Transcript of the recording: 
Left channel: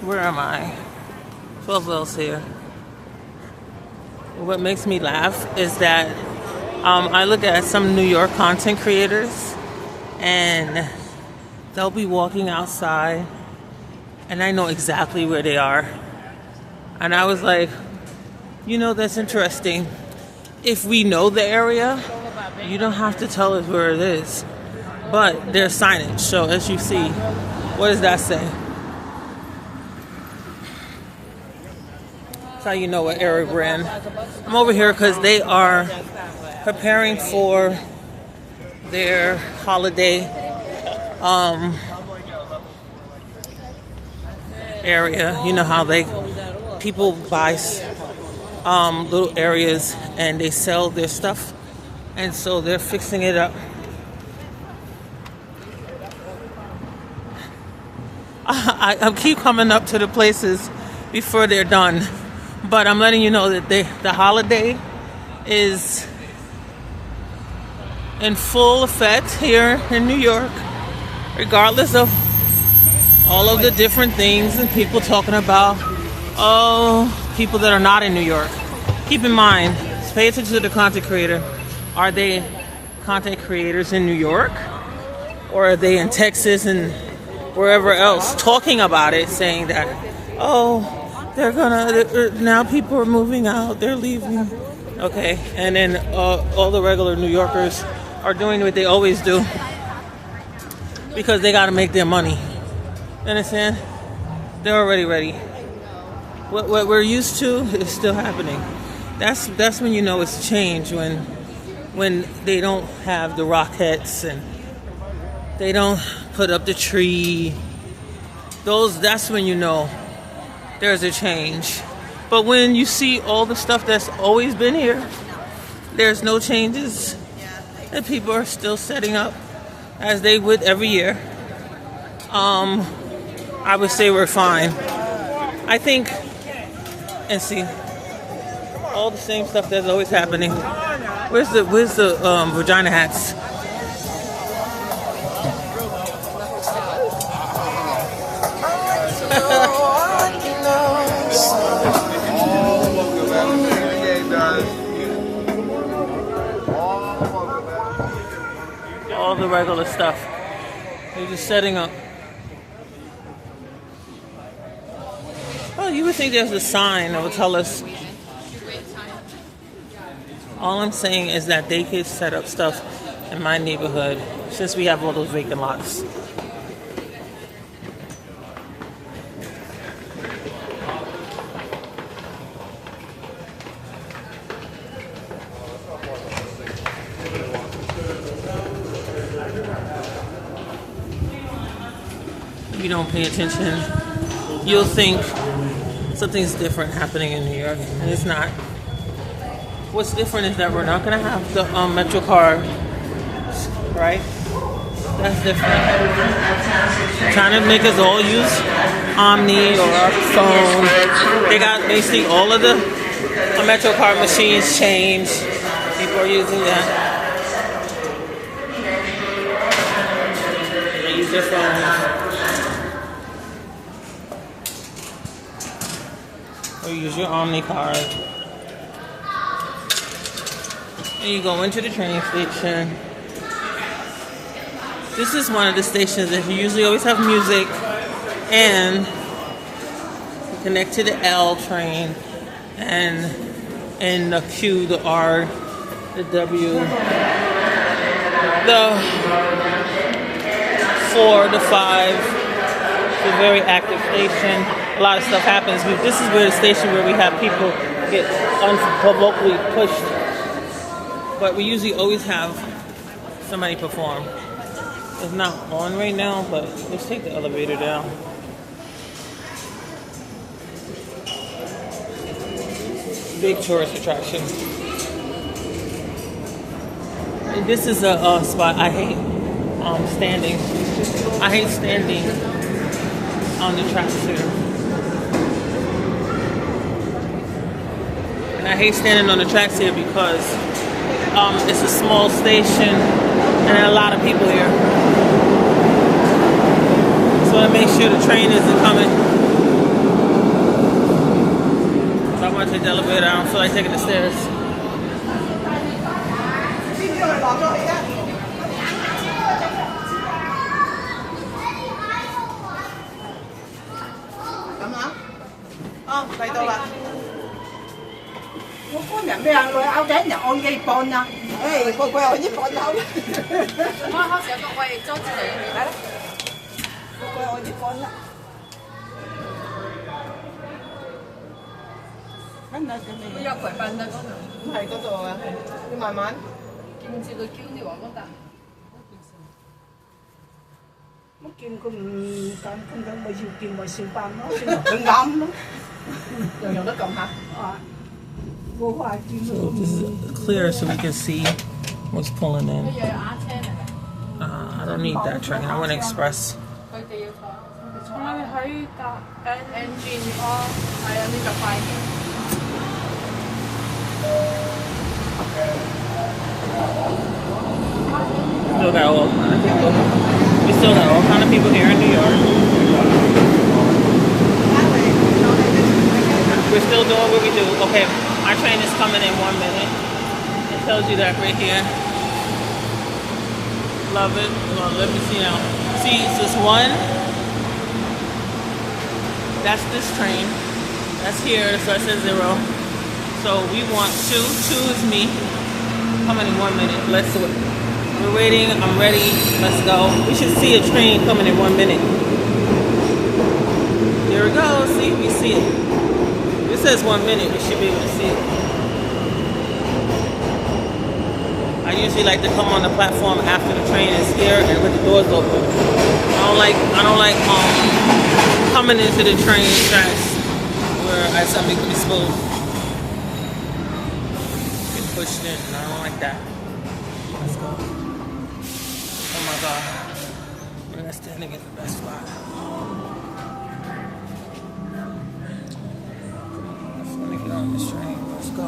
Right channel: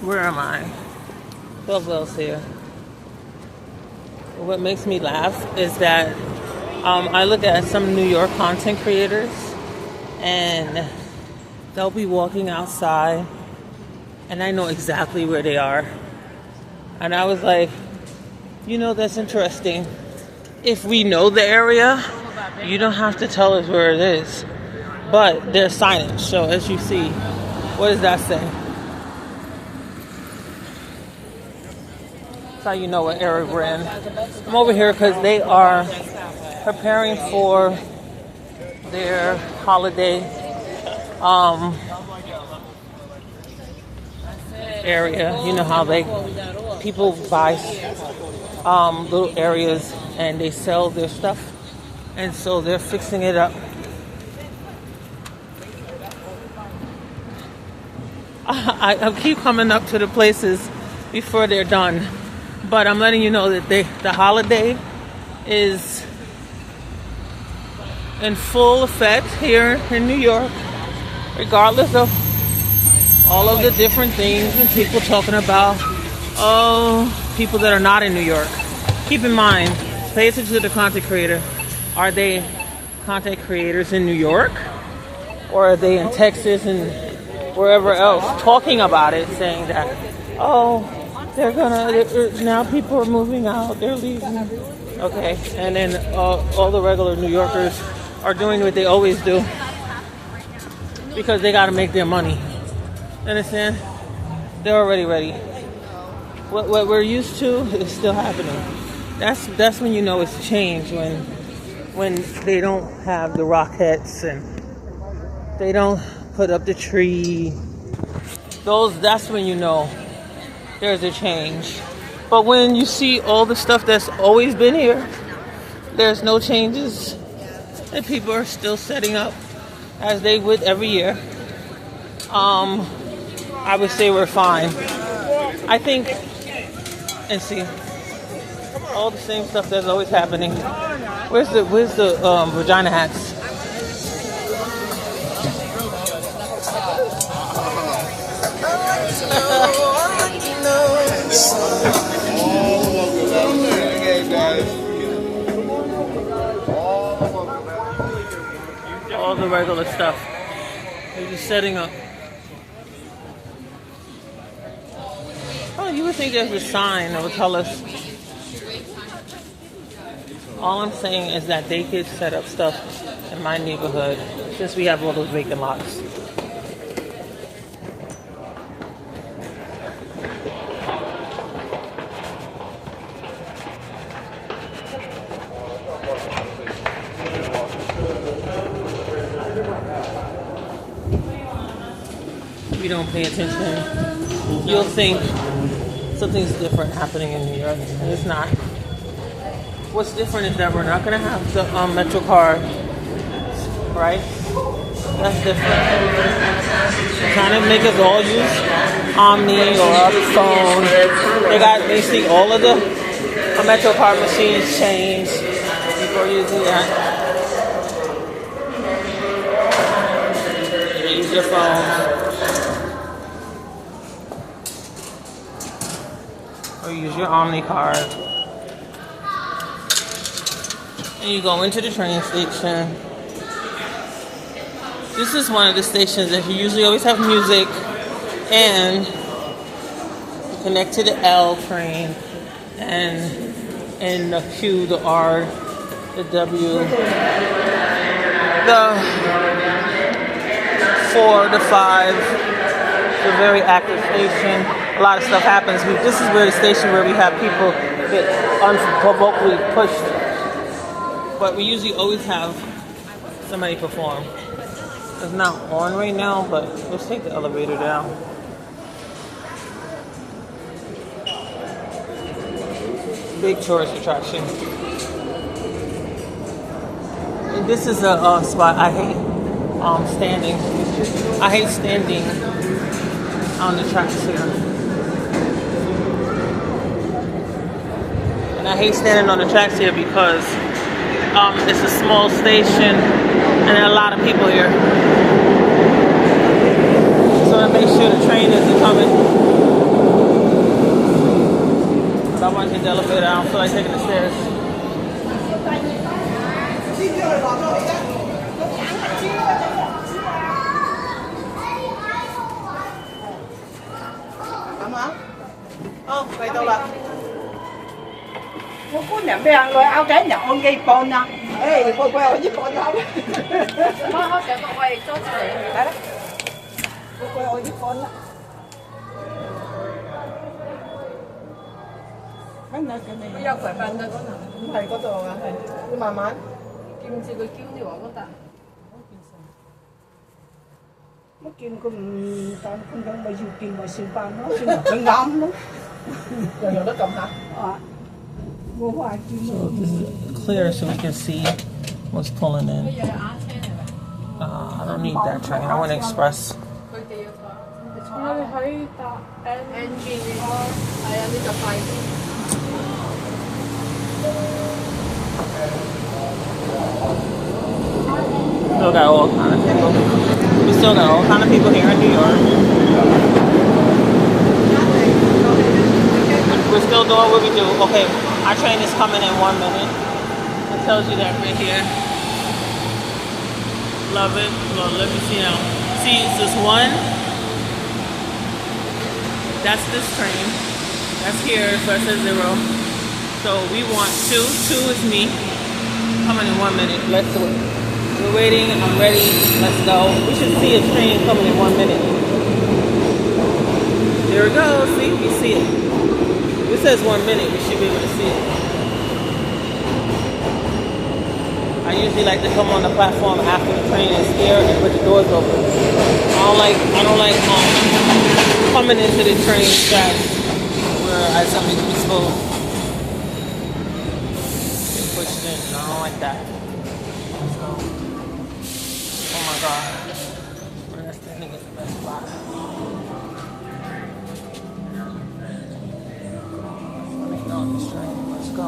Where am I? 12 Wells here. What makes me laugh is that I look at some New York content creators and they'll be walking outside and I know exactly where they are. And I was like, you know, that's interesting. If we know the area, you don't have to tell us where it is. But there's signage. So as you see, what does that say? That's how you know what area we're in. I'm over here because they are preparing for their holiday area. You know how people buy little areas and they sell their stuff, and so they're fixing it up. I keep coming up to the places before they're done, but I'm letting you know that the holiday is in full effect here in New York, regardless of all of the different things and people talking about, people that are not in New York. Keep in mind, pay attention to the content creator. Are they content creators in New York? Or are they in Texas and wherever else talking about it, saying that, now people are moving out, they're leaving. Okay, and then all the regular New Yorkers are doing what they always do because they got to make their money. You understand? They're already ready. What we're used to is still happening. That's when you know it's change, when they don't have the rockets and they don't put up the tree. That's when you know there's a change. But when you see all the stuff that's always been here, there's no changes, and people are still setting up as they would every year, I would say we're fine. I think, and see, all the same stuff that's always happening. Where's the vagina hats? All the regular stuff. They're just setting up. Well, you would think there's a sign that would tell us. All I'm saying is that they could set up stuff in my neighborhood since we have all those vacant lots. You don't pay attention, you'll think something's different happening in New York, and it's not. What's different is that we're not going to have the Metro card, right? That's different. They're trying to make us all use Omni or our phone. They got basically all of the Metro card machines changed. People are using that. They use your phone. Or use your Omni card. And you go into the train station. This is one of the stations that you usually always have music, and you connect to the L train, and in the Q, the R, the W, the 4, the 5. It's a very active station. A lot of stuff happens. This is where the station where we have people get unprovokably pushed. But we usually always have somebody perform. It's not on right now, but let's take the elevator down. Big tourist attraction. And this is a spot I hate standing. I hate standing on the tracks here. And I hate standing on the tracks here because it's a small station and there are a lot of people here. So I make sure the train isn't coming. So I want to take the elevator. I don't feel like taking the stairs. áo cái nhà ôn cái con nha. Ê, cô quay ở giúp con không? Nó sẽ có quay cho chị đấy. Cô quay ở giúp con. Cái này bây giờ khỏe mạnh rồi con nào? Này có rồi, cứ慢慢. Kim chị có cứu đi vào con ta. Nó kim con đang bây giờ kim vào sinh ban nó sinh nó ngắm nó. Rồi nó cầm hả? Clear so we can see what's pulling in. I don't need that train. I want express. Still got all kind of people. We still got all kind of people here in New York. We're still doing what we do. Okay, our train is coming in 1 minute. It tells you that right here. Love it. Well, let me see now. See, it's just one. That's this train. That's here, so it says 0. So we want 2. 2 is me. Coming in 1 minute. Let's wait. We're waiting. I'm ready. Let's go. We should see a train coming in 1 minute. There we go. See, we see it. It says 1 minute. We should be able to see it. I usually like to come on the platform after the train is here and with the doors open. I don't like coming into the train tracks where somebody could be exposed. Get pushed in. I don't like that. Let's go. Oh my God. Let's stand again. Let's stop. Let's go.